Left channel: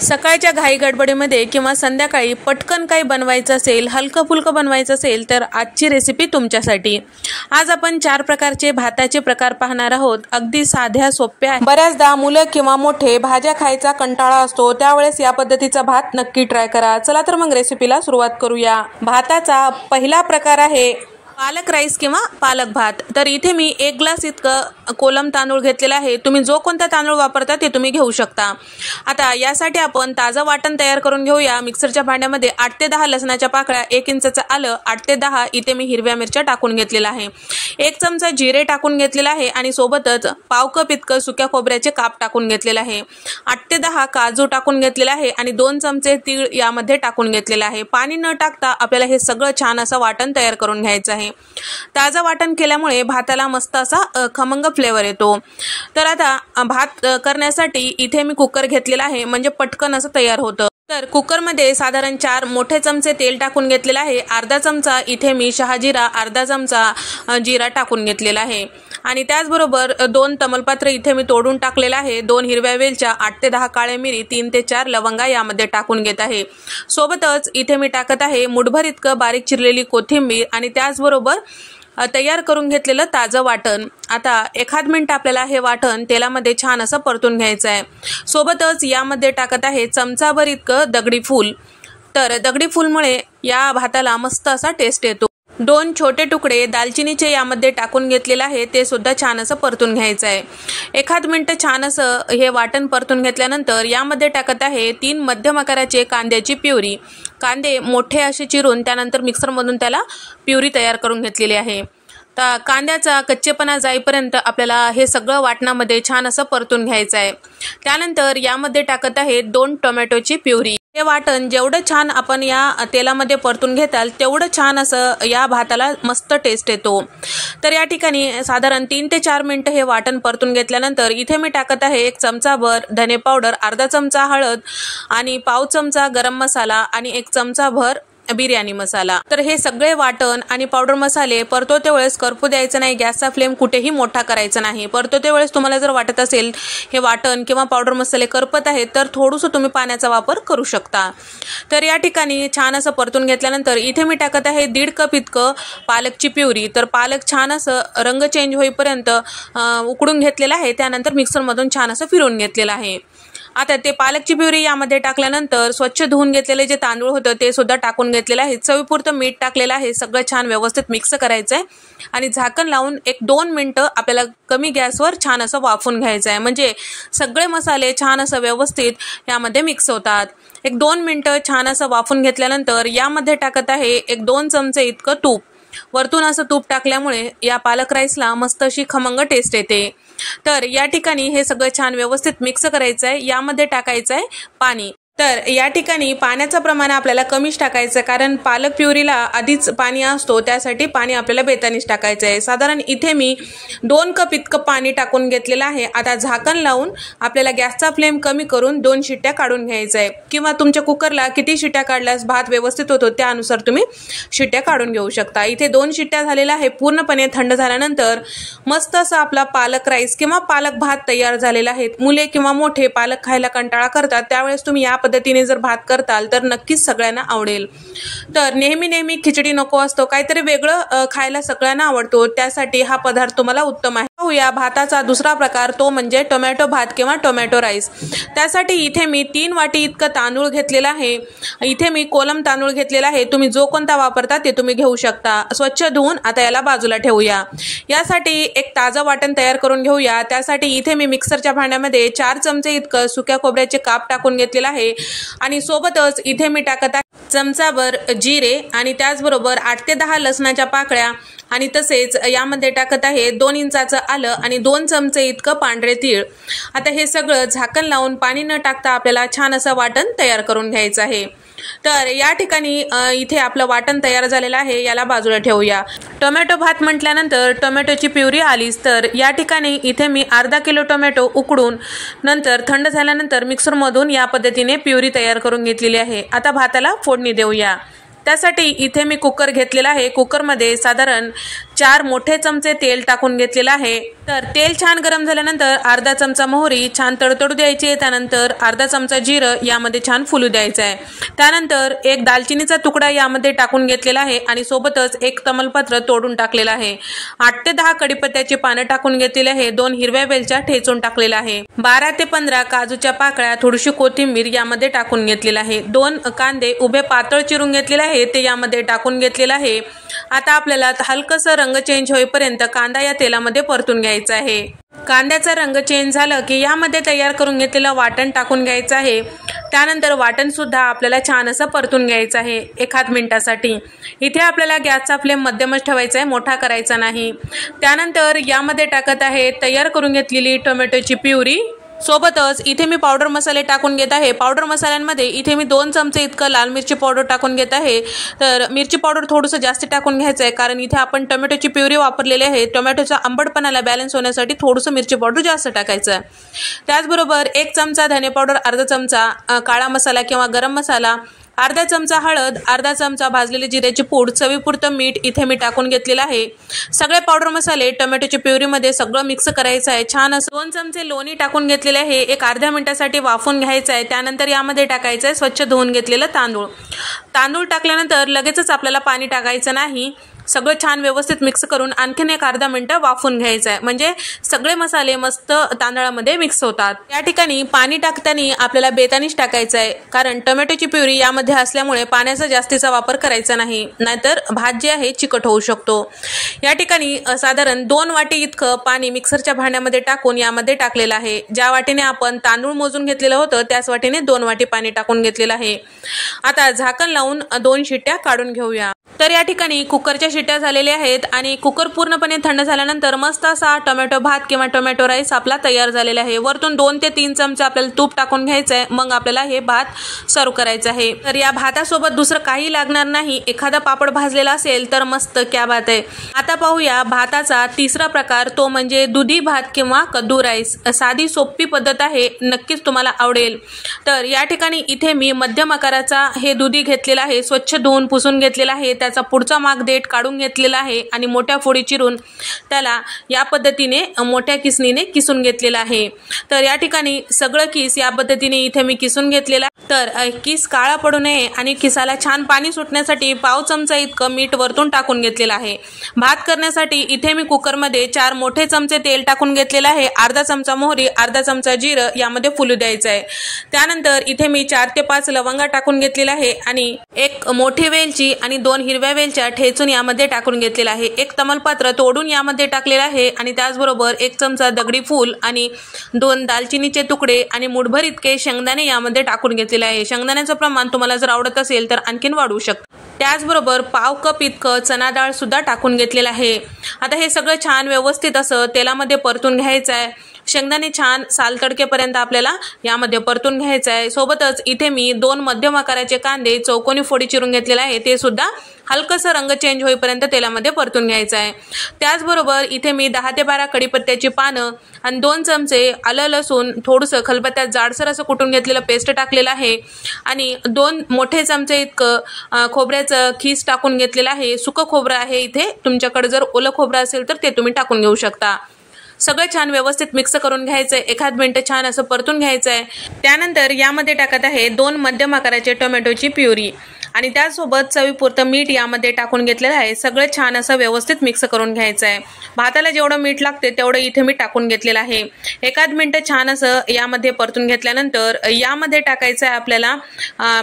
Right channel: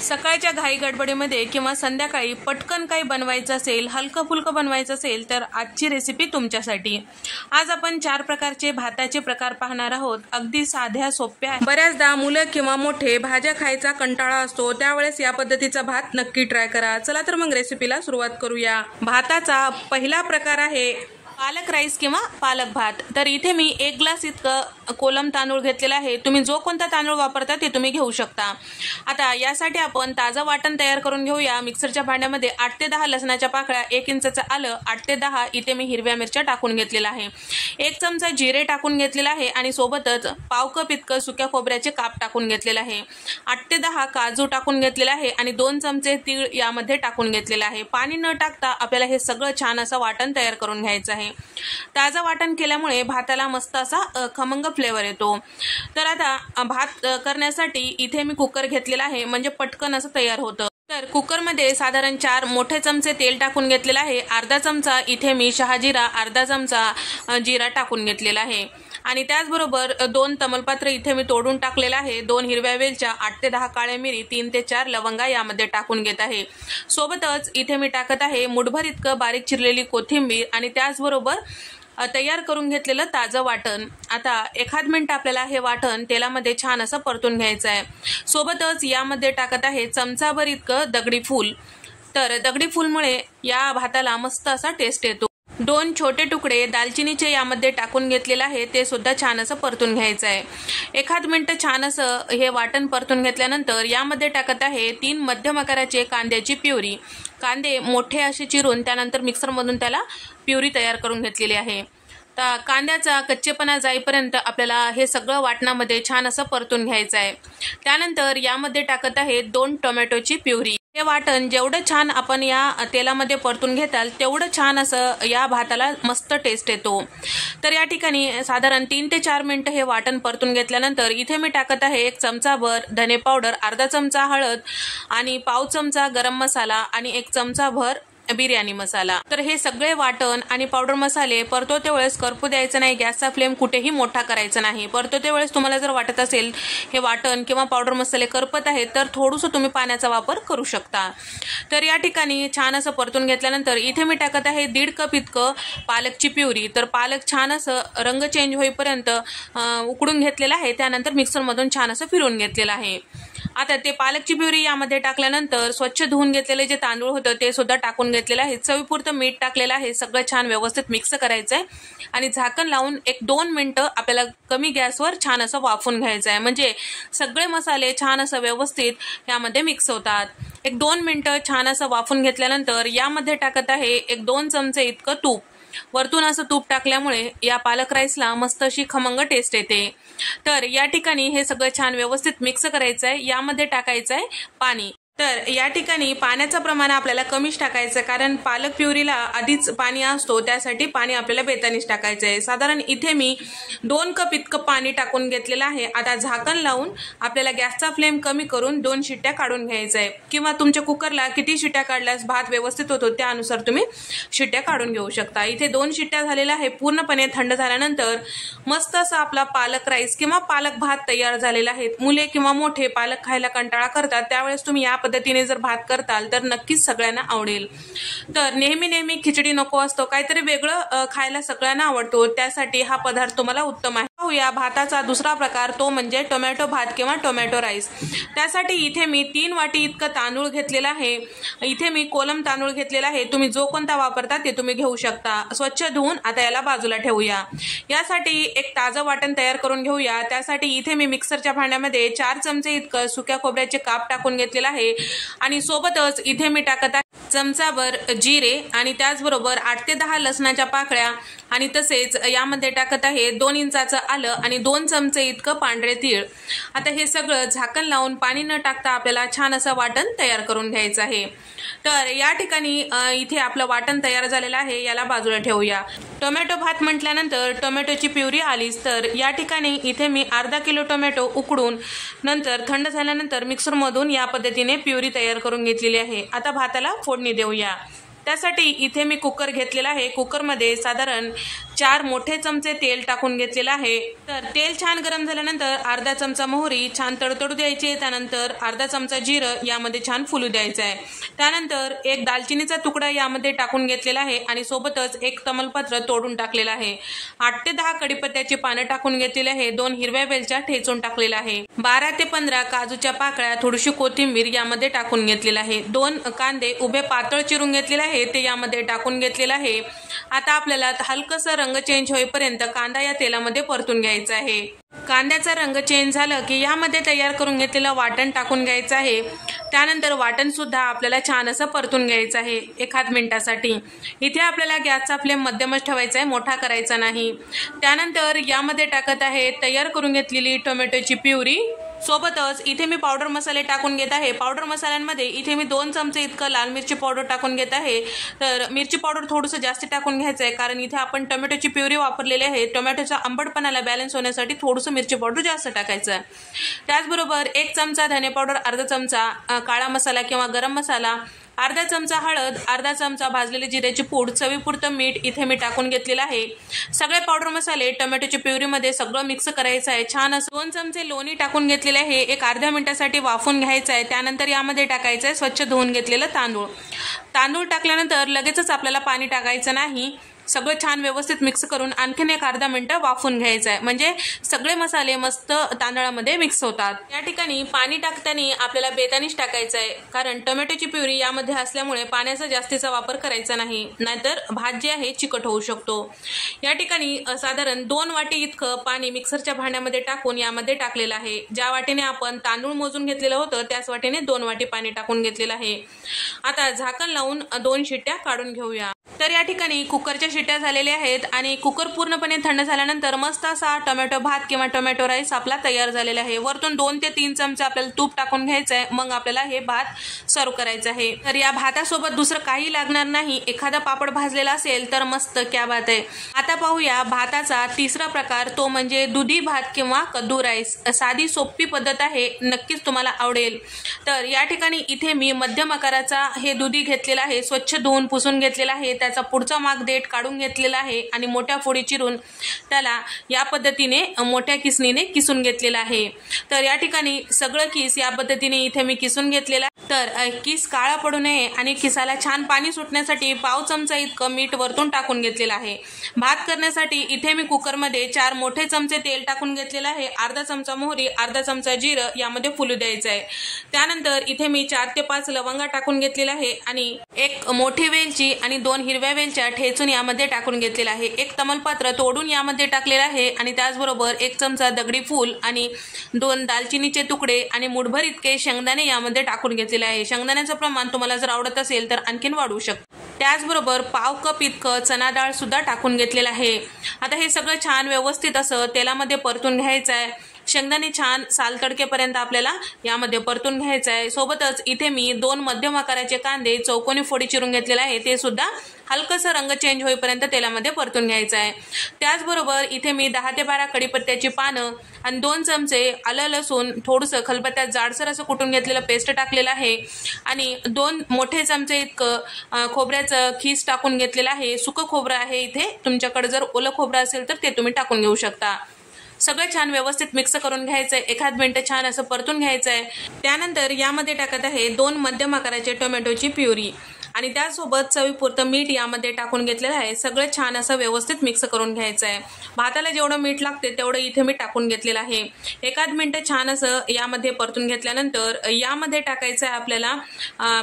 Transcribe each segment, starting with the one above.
सकाळच्या घाई गडबडीमध्ये किंवा संध्याकाळी पटकन काही बनवायचं असेल, हलकं फुलकं बनवायचं असेल तर आजची रेसिपी तुमच्यासाठी। आज आपण 4 प्रकारचे भाताचे प्रकार पाहणार आहोत। अगदी साध्या सोप्या। बऱ्याचदा मुलं किंवा मोठे भाज्या खायचा कंटाळा असतो, त्यावेळेस या पद्धतीचा भात नक्की ट्राय करा। चला तर मग रेसिपीला सुरुवात करूया। भाताचा पहिला प्रकार आहे पालक राईस किंवा पालक भात। तर इथे मी 1 ग्लास इतकं कोलम तांदूळ घेतलेला आहे। तुम्ही जो कोणता तांदूळ वापरता ते तुम्ही घेऊ शकता। आता यासाठी आपण ताजं वाटण तयार करून घेऊया। मिक्सरच्या भांड्यामध्ये 8 ते 10 लसणाच्या पाकळ्या, 1 इंचाचं आलं, 8 ते 10 इथे मी हिरव्या मिरच्या टाकून घेतलेला आहे। 1 चमचा जिरे टाकून घेतलेला आहे आणि सोबतच पाव कप इतकं सुक्या खोबऱ्याचे काप टाकून घेतलेला आहे। 8 ते 10 काजू टाकून घेतलेला आहे आणि 2 चमचे तीळ यामध्ये टाकून घेतलेला आहे। पाणी न टाकता आपल्याला हे सगळं छान असं वाटण तयार करून घ्यायचं आहे। ताजा वाटण केल्यामुळे भाताला मस्त असा खमंग फ्लेवर येतो। तर आता भात करण्यासाठी इथे मी कुकर घेतलेला आहे, म्हणजे पटकन असं तयार होतं। तर कुकरमध्ये साधारण 4 मोठे चमचे तेल टाकून घेतलेला आहे। अर्धा चमचा इथे मी शहाजिरा, अर्धा चमचा जिरा टाकून घेतलेला आहे आणि त्याचबरोबर 2 तमालपत्र इथे मी तोडून टाकलेला आहे। 2 हिरव्या वेलच्या, 8 ते 10 काळे मिरी, 3 ते 4 लवंगा यामध्ये टाकून घेत आहे। सोबतच इथे मी टाकत आहे मुठभर इतकं बारीक चिरलेली कोथिंबीर आणि त्याचबरोबर तयार करून घेतलेलं ताजं वाटण। आता 1 मिनिट आपल्याला हे वाटण तेलामध्ये छान असं परतून घ्यायचं आहे। सोबतच यामध्ये टाकत आहे चमचाभर इतकं दगडी फूल। तर दगडी फूलमुळे या भाताला मस्त असा टेस्ट येतो। 2 छोटे तुकडे दालचिनीचे यामध्ये टाकून घेतलेले आहे, ते सुद्धा छान असं परतून घ्यायचं आहे। 1 मिनिट छान असं हे वाटण परतून घेतल्यानंतर यामध्ये टाकत आहे 3 मध्यम आकाराचे कांद्याची प्युरी। कांदे मोठे असे चिरून त्यानंतर मिक्सरमधून त्याला प्युरी तयार करून घेतलेली आहे। तर कांद्याचा कच्चेपणा जाईपर्यंत आपल्याला हे सगळं वाटणामध्ये छान असं परतून घ्यायचं आहे। त्यानंतर यामध्ये टाकत आहे 2 टोमॅटोची प्युरी। हे वाटण जेवढं छान आपण या तेलामध्ये परतून घेताल तेवढं छान असं या भाताला मस्त टेस्ट येतो। तर या ठिकाणी साधारण 3 ते 4 मिनिटं हे वाटण परतून घेतल्यानंतर इथे मी टाकत आहे 1 चमचाभर धने पावडर, अर्धा चमचा हळद आणि पाव चमचा गरम मसाला आणि 1 चमचाभर बिर्याणी मसाला। तर हे सगळे वाटण आणि पावडर मसाले परतवते वेळेस करपू द्यायचं नाही। गॅसचा फ्लेम कुठेही मोठा करायचा नाही। परतवते वेळेस तुम्हाला जर वाटत असेल हे वाटण किंवा पावडर मसाले करपत आहेत तर थोडंसं तुम्ही पाण्याचा वापर करू शकता। तर या ठिकाणी छान असं परतून घेतल्यानंतर इथे मी टाकत आहे 1.5 कप इतकं पालकची प्युरी। तर पालक छान असं रंग चेंज होईपर्यंत उकडून घेतलेला आहे, त्यानंतर मिक्सरमधून छान असं फिरवून घेतलेलं आहे। आता ते पालकची प्युरी यामध्ये टाकल्यानंतर स्वच्छ धुवून घेतलेले जे तांदूळ होतं ते सुद्धा टाकून घेतलेलं आहे। चवीपुरतं मीठ टाकलेलं आहे। सगळं छान व्यवस्थित मिक्स करायचं आहे आणि झाकण लावून 1-2 मिनिटं आपल्याला कमी गॅसवर छान असं वाफून घ्यायचं आहे, म्हणजे सगळे मसाले छान असं व्यवस्थित यामध्ये मिक्स होतात। 1-2 मिनिटं छान असं वाफून घेतल्यानंतर यामध्ये टाकत आहे 1-2 चमचे इतकं तूप। वरतून असं तूप टाकल्यामुळे या पालक राईसला मस्त अशी खमंग टेस्ट येते। तर या ठिकाणी हे सगळं छान व्यवस्थित मिक्स करायचं आहे। यामध्ये टाकायचं आहे पाणी। तर या ठिकाणी पाण्याचं प्रमाण आपल्याला कमीच टाकायचं, कारण पालक प्युरीला आधीच पाणी असतो, त्यासाठी पाणी आपल्याला बेतानीच टाकायचं आहे। साधारण इथे मी 2 कप इतकं पाणी टाकून घेतलेलं आहे। आता झाकण लावून आपल्याला गॅसचा फ्लेम कमी करून 2 शिट्ट्या काढून घ्यायचं आहे, किंवा तुमच्या कुकरला किती शिट्ट्या काढल्यास भात व्यवस्थित होतो त्यानुसार तुम्ही शिट्ट्या काढून घेऊ शकता। इथे 2 शिट्ट्या झालेल्या आहे। पूर्णपणे थंड झाल्यानंतर मस्त असा आपला पालक राईस किंवा पालक भात तयार झालेला आहे। मुले किंवा मोठे पालक खायला कंटाळा करतात, त्यावेळेस तुम्ही या पद्धतीने जर भात करताल तर नक्कीच सगळ्यांना आवडेल। तर नेहमी खिचडी नको असतो, काहीतरी वेगळं खायला सगळ्यांना आवडतो, त्यासाठी हा पदार्थ तुम्हाला उत्तम आहे। या भाताचा दुसरा प्रकार तो म्हणजे टोमॅटो भात किंवा टोमॅटो राईस। त्यासाठी इथे मी 3 वाटी इतकं तांदूळ घेतलेला आहे। इथे मी कोलम तांदूळ घेतलेला आहे, तुम्ही जो कोणता वापरता ते तुम्ही घेऊ शकता। स्वच्छ धुवून आता याला बाजूला ठेवूया। यासाठी एक ताजं वाटण तयार करून घेऊया। त्यासाठी इथे मी मिक्सरच्या भांड्यामध्ये 4 चमचे इतकं सुक्या खोबऱ्याचे काप टाकून घेतलेला आहे आणि सोबतच इथे मी टाकत आहे चमचाभर जिरे आणि त्याचबरोबर 8 ते 10 लसणाच्या पाकळ्या आणि तसेच यामध्ये टाकत आहे 2 इंचाचं आलं आणि 2 चमचे इतकं पांढरे तीळ। आता हे सगळं झाकण लावून पाणी न टाकता आपल्याला छान असं वाटण तयार करून घ्यायचं आहे। तर या ठिकाणी इथे आपलं वाटण तयार झालेलं आहे, याला बाजूला ठेवूया। टोमॅटो भात म्हटल्यानंतर टोमॅटोची प्युरी आलीच, तर या ठिकाणी इथे मी अर्धा किलो टोमॅटो उकडून नंतर थंड झाल्यानंतर मिक्सरमधून या पद्धतीने प्युरी तयार करून घेतलेली आहे। आता भाताला फोडणी देऊया। त्यासाठी इथे मी कुकर घेतलेला आहे। कुकरमध्ये साधारण 4 मोठे चमचे तेल टाकून घेतलेलं आहे। तर तेल छान गरम झाल्यानंतर अर्धा चमचा मोहरी छान तडतडू द्यायची, त्यानंतर अर्धा चमचा जिरं यामध्ये छान फुलू द्यायचं आहे। त्यानंतर एक दालचिनीचा तुकडा यामध्ये टाकून घेतलेला आहे आणि सोबतच एक तमालपत्र तोडून टाकलेलं आहे। 8 ते 10 कढीपत्त्याची पानं टाकून घेतलेली आहे। 2 हिरव्या वेलच्या ठेचून टाकलेल्या आहे। 12 ते 15 काजूच्या पाकळ्या, थोडीशी कोथिंबीर यामध्ये टाकून घेतलेला आहे। 2 कांदे उभे पातळ चिरून घेतलेले आहे ते यामध्ये टाकून घेतलेला आहे। आता आपल्याला हलकसं रंग चेंज होईपर्यंत कांदा या तेलामध्ये परतून घ्यायचा आहे। कांद्याचा रंग चेंज झाला की यामध्ये तयार करून घेतलेलं वाटण टाकून घ्यायचं आहे। त्यानंतर वाटण सुद्धा आपल्याला छान असं परतून घ्यायचं आहे 1 मिनिटासाठी। इथे आपल्याला गॅसचा फ्लेम मध्यमच ठेवायचा आहे, मोठा करायचा नाही। त्यानंतर यामध्ये टाकत आहे तयार करून घेतलेली टोमॅटोची प्युरी। सोबतच इथे मी पावडर मसाले टाकून घेत आहे। पावडर मसाल्यांमध्ये इथे मी 2 चमचे इतकं लाल मिरची पावडर टाकून घेत आहे। तर मिरची पावडर थोडंसं जास्त टाकून घ्यायचं आहे, कारण इथे आपण टोमॅटोची प्युरी वापरलेली आहे। टोमॅटोचा आंबटपणाला बॅलन्स होण्यासाठी थोडंसं मिरची पावडर जास्त टाकायचं आहे। त्याचबरोबर 1 चमचा धने पावडर, अर्धा चमचा काळा मसाला किंवा गरम मसाला, अर्धा चमचा हळद, अर्धा चमचा भाजलेली जिऱ्याची पूड, चवीपुरतं मीठ इथे मी टाकून घेतलेलं आहे। सगळे पावडर मसाले टोमॅटोच्या प्युरीमध्ये सगळं मिक्स करायचं आहे। छान असं 2 चमचे लोणी टाकून घेतलेले आहे, एक अर्ध्या मिनिटासाठी वाफून घ्यायचं आहे। त्यानंतर यामध्ये टाकायचं आहे स्वच्छ धुवून घेतलेलं तांदूळ। तांदूळ टाकल्यानंतर लगेचच आपल्याला पाणी टाकायचं नाही, सगळं छान व्यवस्थित मिक्स करून आणखीन एक अर्धा मिनिट वाफून घ्यायचं आहे, म्हणजे सगळे मसाले मस्त तांदळामध्ये मिक्स होतात। या ठिकाणी पाणी टाकताना आपल्याला बेतानीच टाकायचं आहे, कारण टोमॅटोची प्युरी यामध्ये असल्यामुळे पाण्याचा जास्तीचा वापर करायचा नाही, नाहीतर भात जे आहे चिकट होऊ शकतो। या ठिकाणी साधारण 2 वाटी इतकं पाणी मिक्सरच्या भांड्यामध्ये टाकून यामध्ये टाकलेलं आहे। ज्या वाटीने आपण तांदूळ मोजून घेतलेलं होतं त्याच वाटीने 2 वाटी पाणी टाकून घेतलेलं आहे। आता झाकण लावून 2 शिट्ट्या काढून घेऊया। तर या ठिकाणी कुकरच्या शिट्ट्या झालेल्या आहेत आणि कुकर पूर्णपणे थंड झाल्यानंतर मस्त असा टोमॅटो भात किंवा टोमॅटो राईस आपला तयार झालेला आहे। वरतून 2 ते 3 चमचे आपल्याला तूप टाकून घ्यायचं आहे, मग आपल्याला हे भात सर्व करायचं आहे। तर या भातासोबत दुसरं काही लागणार नाही, एखादा पापड भाजलेला असेल तर मस्त, क्या बात आहे। आता पाहूया भाताचा तिसरा प्रकार, तो म्हणजे दुधी भात किंवा कद्दू राईस। साधी सोपी पद्धत आहे, नक्कीच तुम्हाला आवडेल। तर या ठिकाणी इथे मी मध्यम आकाराचा हे दुधी घेतलेला आहे, स्वच्छ धुवून पुसून घेतलेला आहे। त्याचा पुढचा माग देठ काढून घेतलेला आहे आणि मोठ्या फोडी चिरून त्याला या पद्धतीने मोठ्या किसणीने किसून घेतलेला आहे। तर या ठिकाणी सगळं किस या पद्धतीने इथे मी किसून घेतलेला। तर किस काळा पडू नये आणि किसाला छान पाणी सुटण्यासाठी पाव चमचा इतकं मीठ वरतून टाकून घेतलेलं आहे। भात करण्यासाठी इथे मी कुकरमध्ये 4 मोठे चमचे तेल टाकून घेतलेलं आहे, अर्धा चमचा मोहरी, अर्धा चमचा जिरं यामध्ये फुलू द्यायचं आहे। त्यानंतर इथे मी 4 ते 5 लवंगा टाकून घेतलेल्या आहे आणि एक मोठी वेलची आणि 2 हिरव्या वेलच्या ठेचून यामध्ये टाकून घेतलेला आहे। एक तमालपत्र तोडून यामध्ये टाकलेला आहे आणि त्याचबरोबर 1 चमचा दगडी फूल आणि 2 दालचिनीचे तुकडे आणि मुठभर इतके शेंगदाणे यामध्ये टाकून घेतलेले आहे। शेंगदाण्याचं प्रमाण तुम्हाला जर आवडत असेल तर आणखीन वाढवू शकता। त्याचबरोबर पाव कप इतकं चना डाळ सुद्धा टाकून घेतलेलं आहे। आता हे सगळं छान व्यवस्थित असं तेलामध्ये परतून घ्यायचं आहे। शेंगदाणे छान साल तडकेपर्यंत आपल्याला यामध्ये परतून घ्यायचं आहे। सोबतच इथे मी 2 मध्यम आकाराचे कांदे चौकोनी फोडी चिरून घेतलेले आहे, ते सुद्धा हलकसं रंग चेंज होईपर्यंत तेलामध्ये परतून घ्यायचं आहे। त्याचबरोबर इथे मी 10 ते 12 कढीपत्त्याची पानं आणि 2 चमचे आलं लसूण थोडंसं खलबत्त्यात जाडसर असं कुटून घेतलेलं पेस्ट टाकलेलं आहे आणि 2 मोठे चमचे इतकं खोबऱ्याचं खीस टाकून घेतलेलं आहे। सुकं खोबरं आहे इथे, तुमच्याकडे जर ओलं खोबरं असेल तर ते तुम्ही टाकून घेऊ शकता। सगळं छान व्यवस्थित मिक्स करून घ्यायचं आहे, 1 मिनिट छान असं परतून घ्यायचं आहे। त्यानंतर यामध्ये टाकत आहे 2 मध्यम आकाराचे टोमॅटोची प्युरी आणि त्यासोबत चवीपुरतं मीठ यामध्ये टाकून घेतलेलं आहे। सगळं छान असं व्यवस्थित मिक्स करून घ्यायचं आहे। भाताला जेवढं मीठ लागते तेवढं इथे मी टाकून घेतलेलं आहे। 1 मिनिट छान असं यामध्ये परतून घेतल्यानंतर यामध्ये टाकायचं आहे आपल्याला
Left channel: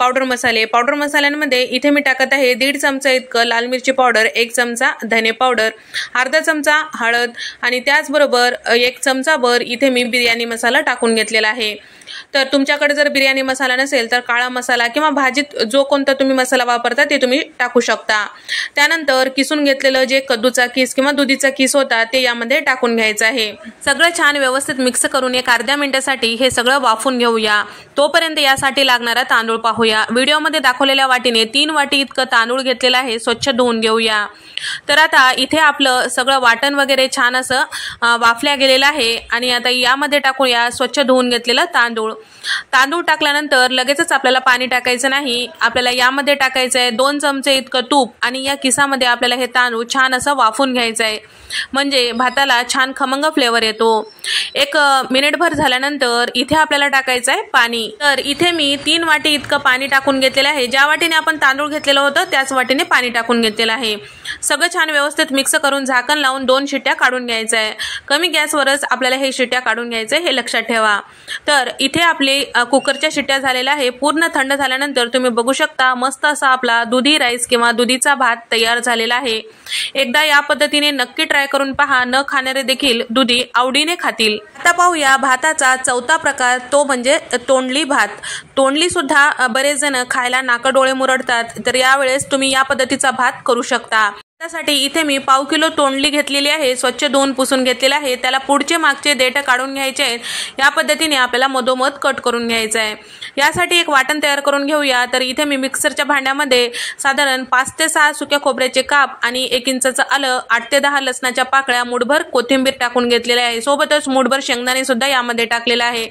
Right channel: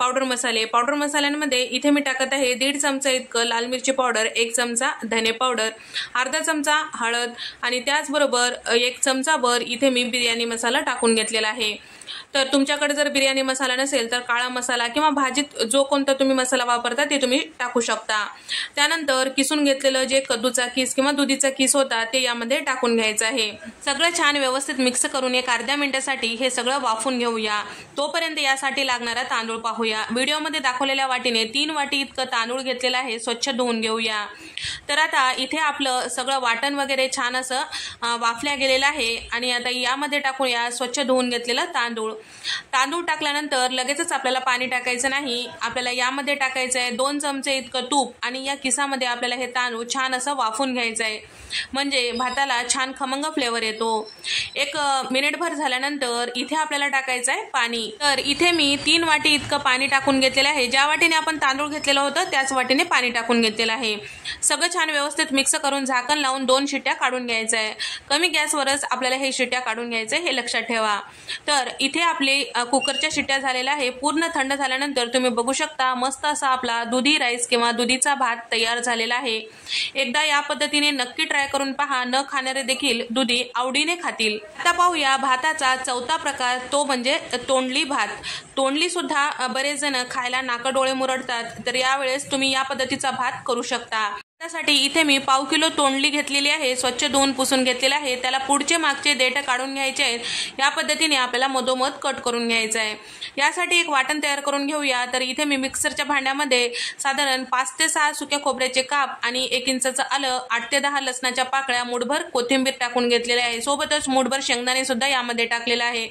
पावडर मसाले। पावडर मसाल्यांमध्ये इथे मी टाकत आहे 1.5 चमचा इतकं लाल मिरची पावडर, 1 चमचा धने पावडर, अर्धा चमचा हळद आणि त्याचबरोबर 1 चमचाभर इथे मी बिर्याणी मसाला टाकून घेतलेला आहे। तर तुमच्याकडे जर बिर्याणी मसाला नसेल तर काळा मसाला किंवा भाजीत जो कोणता तुम्ही मसाला वापरता ते तुम्ही टाकू शकता। त्यानंतर किसून घेतलेलं जे कद्दूचा किस किंवा दुधीचा किस होता ते यामध्ये टाकून घ्यायचं आहे। सगळं छान व्यवस्थित मिक्स करून 1 अर्ध्या मिनिटासाठी हे सगळं वाफून घेऊया। तोपर्यंत यासाठी लागणारा तांदूळ पाहूया। व्हिडिओमध्ये दाखवलेल्या वाटीने 3 वाटी इतकं तांदूळ घेतलेला आहे, स्वच्छ धुवून घेऊया। तर आता इथे आपलं सगळं वाटण वगैरे छान असं वाफल्या गेलेलं आहे आणि आता यामध्ये टाकूया स्वच्छ धुवून घेतलेलं तांदूळ। तांदूळ टाकल्यानंतर लगेचच आपल्याला पाणी टाकायचं नाही, आपल्याला यामध्ये टाकायचं आहे 2 चमचे इतकं तूप आणि या किसामध्ये आपल्याला हे तांदूळ छान असं वाफून घ्यायचं आहे, म्हणजे भाताला छान खमंग फ्लेवर येतो। 1 मिनिटभर झाल्यानंतर इथे आपल्याला टाकायचं आहे पाणी। तर इथे मी 3 वाटी इतकं पाणी टाकून घेतलेलं आहे, ज्या वाटीने आपण तांदूळ घेतलेलं होतं त्याच वाटीने पाणी टाकून घेतलेलं आहे। सगळं छान व्यवस्थित मिक्स करून झाकण लावून 2 शिट्ट्या काढून घ्यायचं आहे। कमी गॅसवरच आपल्याला हे शिट्ट्या काढून घ्यायचं हे लक्षात ठेवा। तर इथे आपले कुकरच्या शिट्ट्या झालेल्या आहे। पूर्ण थंड झाल्यानंतर तुम्ही बघू शकता मस्त असा आपला दुधी राईस किंवा दुधीचा भात तयार झालेला आहे। एकदा या पद्धतीने नक्की ट्राय करून पहा, न खाणारे देखील दुधी आवडीने खातील। आता पाहूया भाताचा चौथा प्रकार, तो म्हणजे तोंडली भात। तोंडली सुद्धा बरेच जण खायला नाकडोळे मुरडतात, तर यावेळेस तुम्ही या पद्धतीचा भात करू शकता। त्यासाठी इथे मी पाव किलो तोंडली घेतलेली आहे, स्वच्छ धुवून पुसून घेतलेला आहे। त्याला पुढचे मागचे देठ काढून घ्यायचे आहेत, या पद्धतीने आपल्याला मधोमध कट करून घ्यायचं आहे। यासाठी एक वाटण तयार करून घेऊया। तर इथे मी मिक्सरच्या भांड्यामध्ये साधारण 5 ते 6 सुक्या खोबऱ्याचे काप आणि 1 इंचाचं आलं, 8 ते 10 लसणाच्या पाकळ्या, मुठभर कोथिंबीर टाकून घेतलेले आहे। सोबतच मुठभर शेंगदाणे सुद्धा यामध्ये टाकलेला आहे,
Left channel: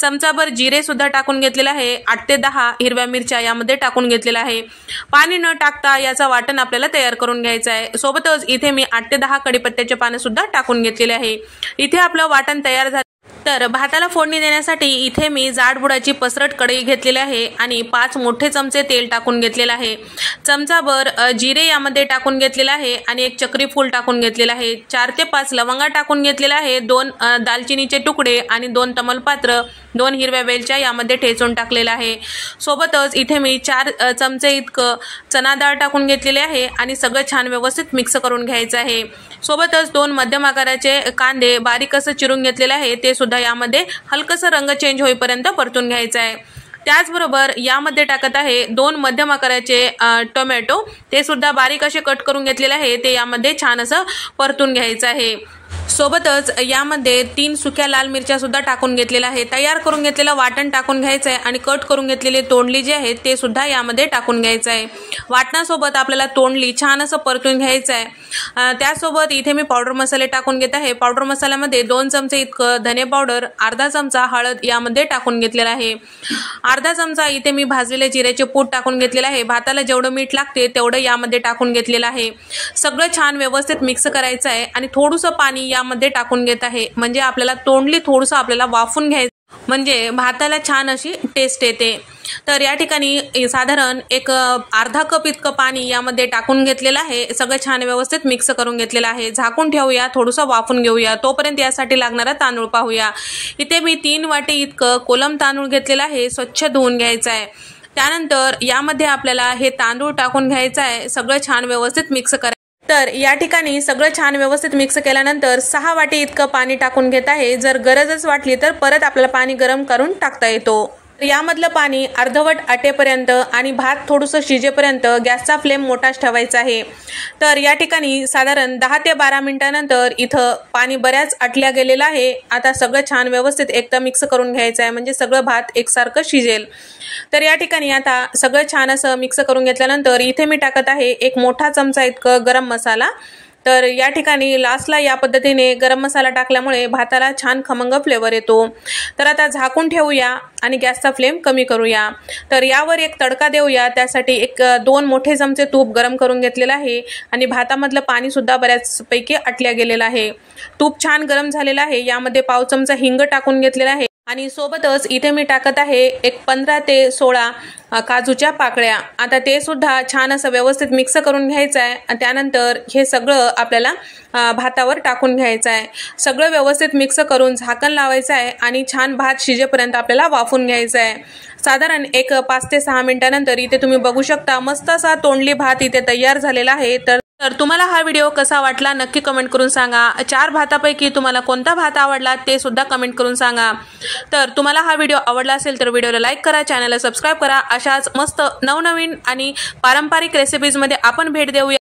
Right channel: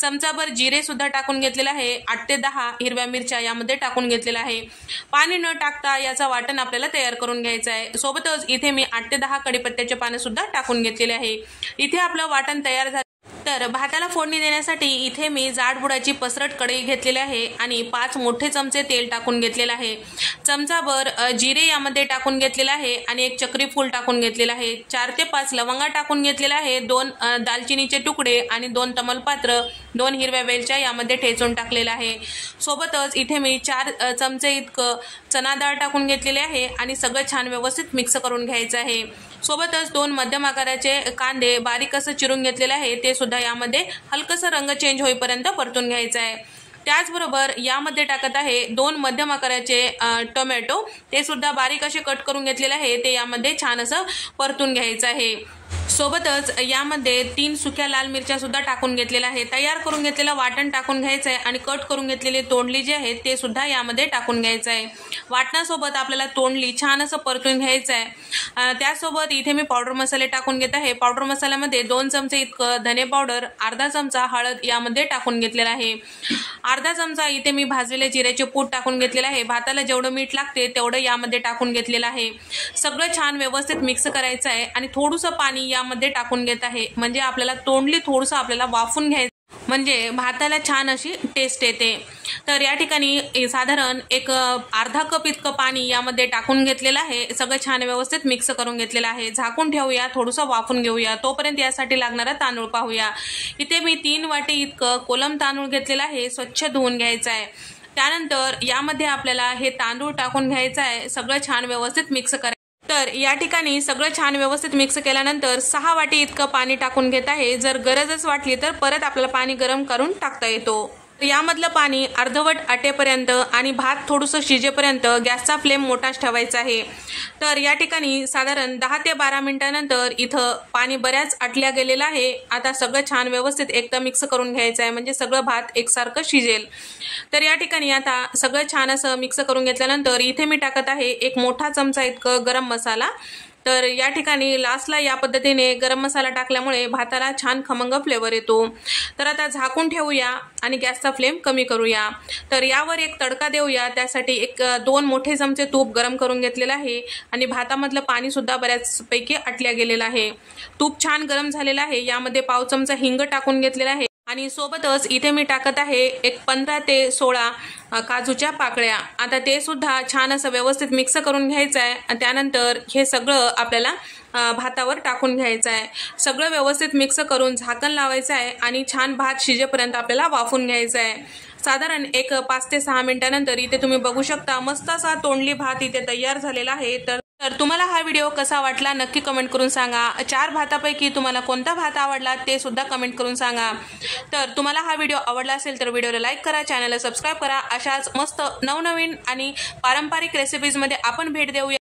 चमचाभर जिरे सुद्धा टाकून घेतलेला आहे, 8 ते 10 हिरव्या मिरच्या यामध्ये टाकून घेतलेला आहे। पाणी न टाकता याचा वाटण आपल्याला तयार करून घ्यायचं आहे। सोबतच इथे मी 8 ते 10 कढीपत्त्याचे पाने सुद्धा टाकून घेतलेले आहे। इथे आपलं वाटण तयार झालं। तर भाताला फोडणी देण्यासाठी इथे मी जाडबुडाची पसरट कढई घेतलेली आहे आणि 5 मोठे चमचे तेल टाकून घेतलेलं आहे। चमचाभर जिरे यामध्ये टाकून घेतलेला आहे आणि 1 चक्री फूल टाकून घेतलेला आहे, 4 ते 5 लवंगा टाकून घेतलेला आहे, 2 दालचिनीचे तुकडे आणि 2 तमालपत्र, 2 हिरव्या वेलच्या यामध्ये ठेचून टाकलेला आहे। सोबतच इथे मी 4 चमचे इतकं चना डाळ टाकून घेतलेले आहे आणि सगळं छान व्यवस्थित मिक्स करून घ्यायचं आहे। सोबतच 2 मध्यम आकाराचे कांदे बारीक असं चिरून घेतलेले आहे, ते सुद्धा यामध्ये हलकसं रंग चेंज होईपर्यंत परतून घ्यायचं आहे। त्याचबरोबर यामध्ये टाकत आहे 2 मध्यम आकाराचे टोमॅटो, ते सुद्धा बारीक असे कट करून घेतलेले आहे, ते यामध्ये छान असं परतून घ्यायचं आहे। सोबतच यामध्ये 3 सुक्या लाल मिरच्या सुद्धा टाकून घेतलेल्या आहे। तयार करून घेतलेलं वाटण टाकून घ्यायचं आहे आणि कट करून घेतलेले तोंडली जे आहे ते सुद्धा यामध्ये टाकून घ्यायचं आहे। वाटणासोबत आपल्याला तोंडली छान असं परतून घ्यायचं आहे। त्यासोबत इथे मी पावडर मसाले टाकून घेत आहे। पावडर मसाल्यामध्ये 2 चमचे इतकं धने पावडर, अर्धा चमचा हळद यामध्ये टाकून घेतलेला आहे, अर्धा चमचा इथे मी भाजलेले जिऱ्याचे पूड टाकून घेतलेला आहे। भाताला जेवढं मीठ लागते तेवढं यामध्ये टाकून घेतलेलं आहे। सगळं छान व्यवस्थित मिक्स करायचं आहे आणि थोडंसं पाणी यामध्ये टाकून घेत आहे, म्हणजे आपल्याला तोंडली थोडंसं आपल्याला वाफून घ्यायचं, म्हणजे भाताला छान अशी टेस्ट येते। तर या ठिकाणी साधारण एक अर्धा कप इतकं पाणी यामध्ये टाकून घेतलेलं आहे, सगळं छान व्यवस्थित मिक्स करून घेतलेलं आहे। झाकून ठेवूया, थोडंसं वाफून घेऊया, तोपर्यंत यासाठी लागणारा तांदूळ पाहूया। इथे मी 3 वाटी इतकं कोलम तांदूळ घेतलेला आहे, स्वच्छ धुवून घ्यायचं आहे। त्यानंतर यामध्ये आपल्याला हे तांदूळ टाकून घ्यायचं आहे, सगळं छान व्यवस्थित मिक्स करायचं। तर या ठिकाणी सगळं छान व्यवस्थित मिक्स केल्यानंतर 6 वाटी इतकं पाणी टाकून घेत आहे। जर गरजच वाटली तर परत आपल्याला पाणी गरम करून टाकता येतो। यामधलं पाणी अर्धवट आटेपर्यंत आणि भात थोडंसं शिजेपर्यंत गॅसचा फ्लेम मोठाच ठेवायचा आहे। तर या ठिकाणी साधारण 10 ते 12 मिनिटांनंतर इथं पाणी बऱ्याच आटल्या गेलेलं आहे। आता सगळं छान व्यवस्थित एकदा मिक्स करून घ्यायचं आहे, म्हणजे सगळं भात एकसारखं शिजेल। तर या ठिकाणी आता सगळं छान असं मिक्स करून घेतल्यानंतर इथे मी टाकत आहे 1 मोठा चमचा इतकं गरम मसाला। तर या ठिकाणी लास्टला या पद्धतीने गरम मसाला टाकल्यामुळे भाताला छान खमंग फ्लेवर येतो। तर आता झाकून ठेवूया आणि गॅसचा फ्लेम कमी करूया। तर यावर एक तडका देऊया, त्यासाठी 2 मोठे चमचे तूप गरम करून घेतलेलं आहे आणि भातामधलं पाणी सुद्धा बऱ्याचपैकी आटल्या गेलेलं आहे। तूप छान गरम झालेलं आहे, यामध्ये पाव चमचा हिंग टाकून घेतलेला आहे आणि सोबतच इथे मी टाकत आहे एक 15 ते 16 काजूच्या पाकळ्या। आता ते सुद्धा छान असं व्यवस्थित मिक्स करून घ्यायचं आहे आणि त्यानंतर हे सगळं आपल्याला भातावर टाकून घ्यायचं आहे। सगळं व्यवस्थित मिक्स करून झाकण लावायचं आहे आणि छान भात शिजेपर्यंत आपल्याला वाफून घ्यायचं आहे। साधारण एक 5 ते 6 मिनिटांनंतर इथे तुम्ही बघू शकता मस्त असा तोंडली भात इथे तयार झालेला आहे। तर तुम्हाला हा व्हिडिओ कसा वाटला नक्की कमेंट करून सांगा। 4 भातापैकी तुम्हाला कोणता भात आवडला ते सुद्धा कमेंट करून सांगा। तर तुम्हाला हा व्हिडिओ आवडला असेल तर व्हिडिओला लाईक करा, चॅनलला सबस्क्राईब करा। अशाच मस्त नवनवीन आणि पारंपरिक रेसिपीजमध्ये आपण भेट देऊया।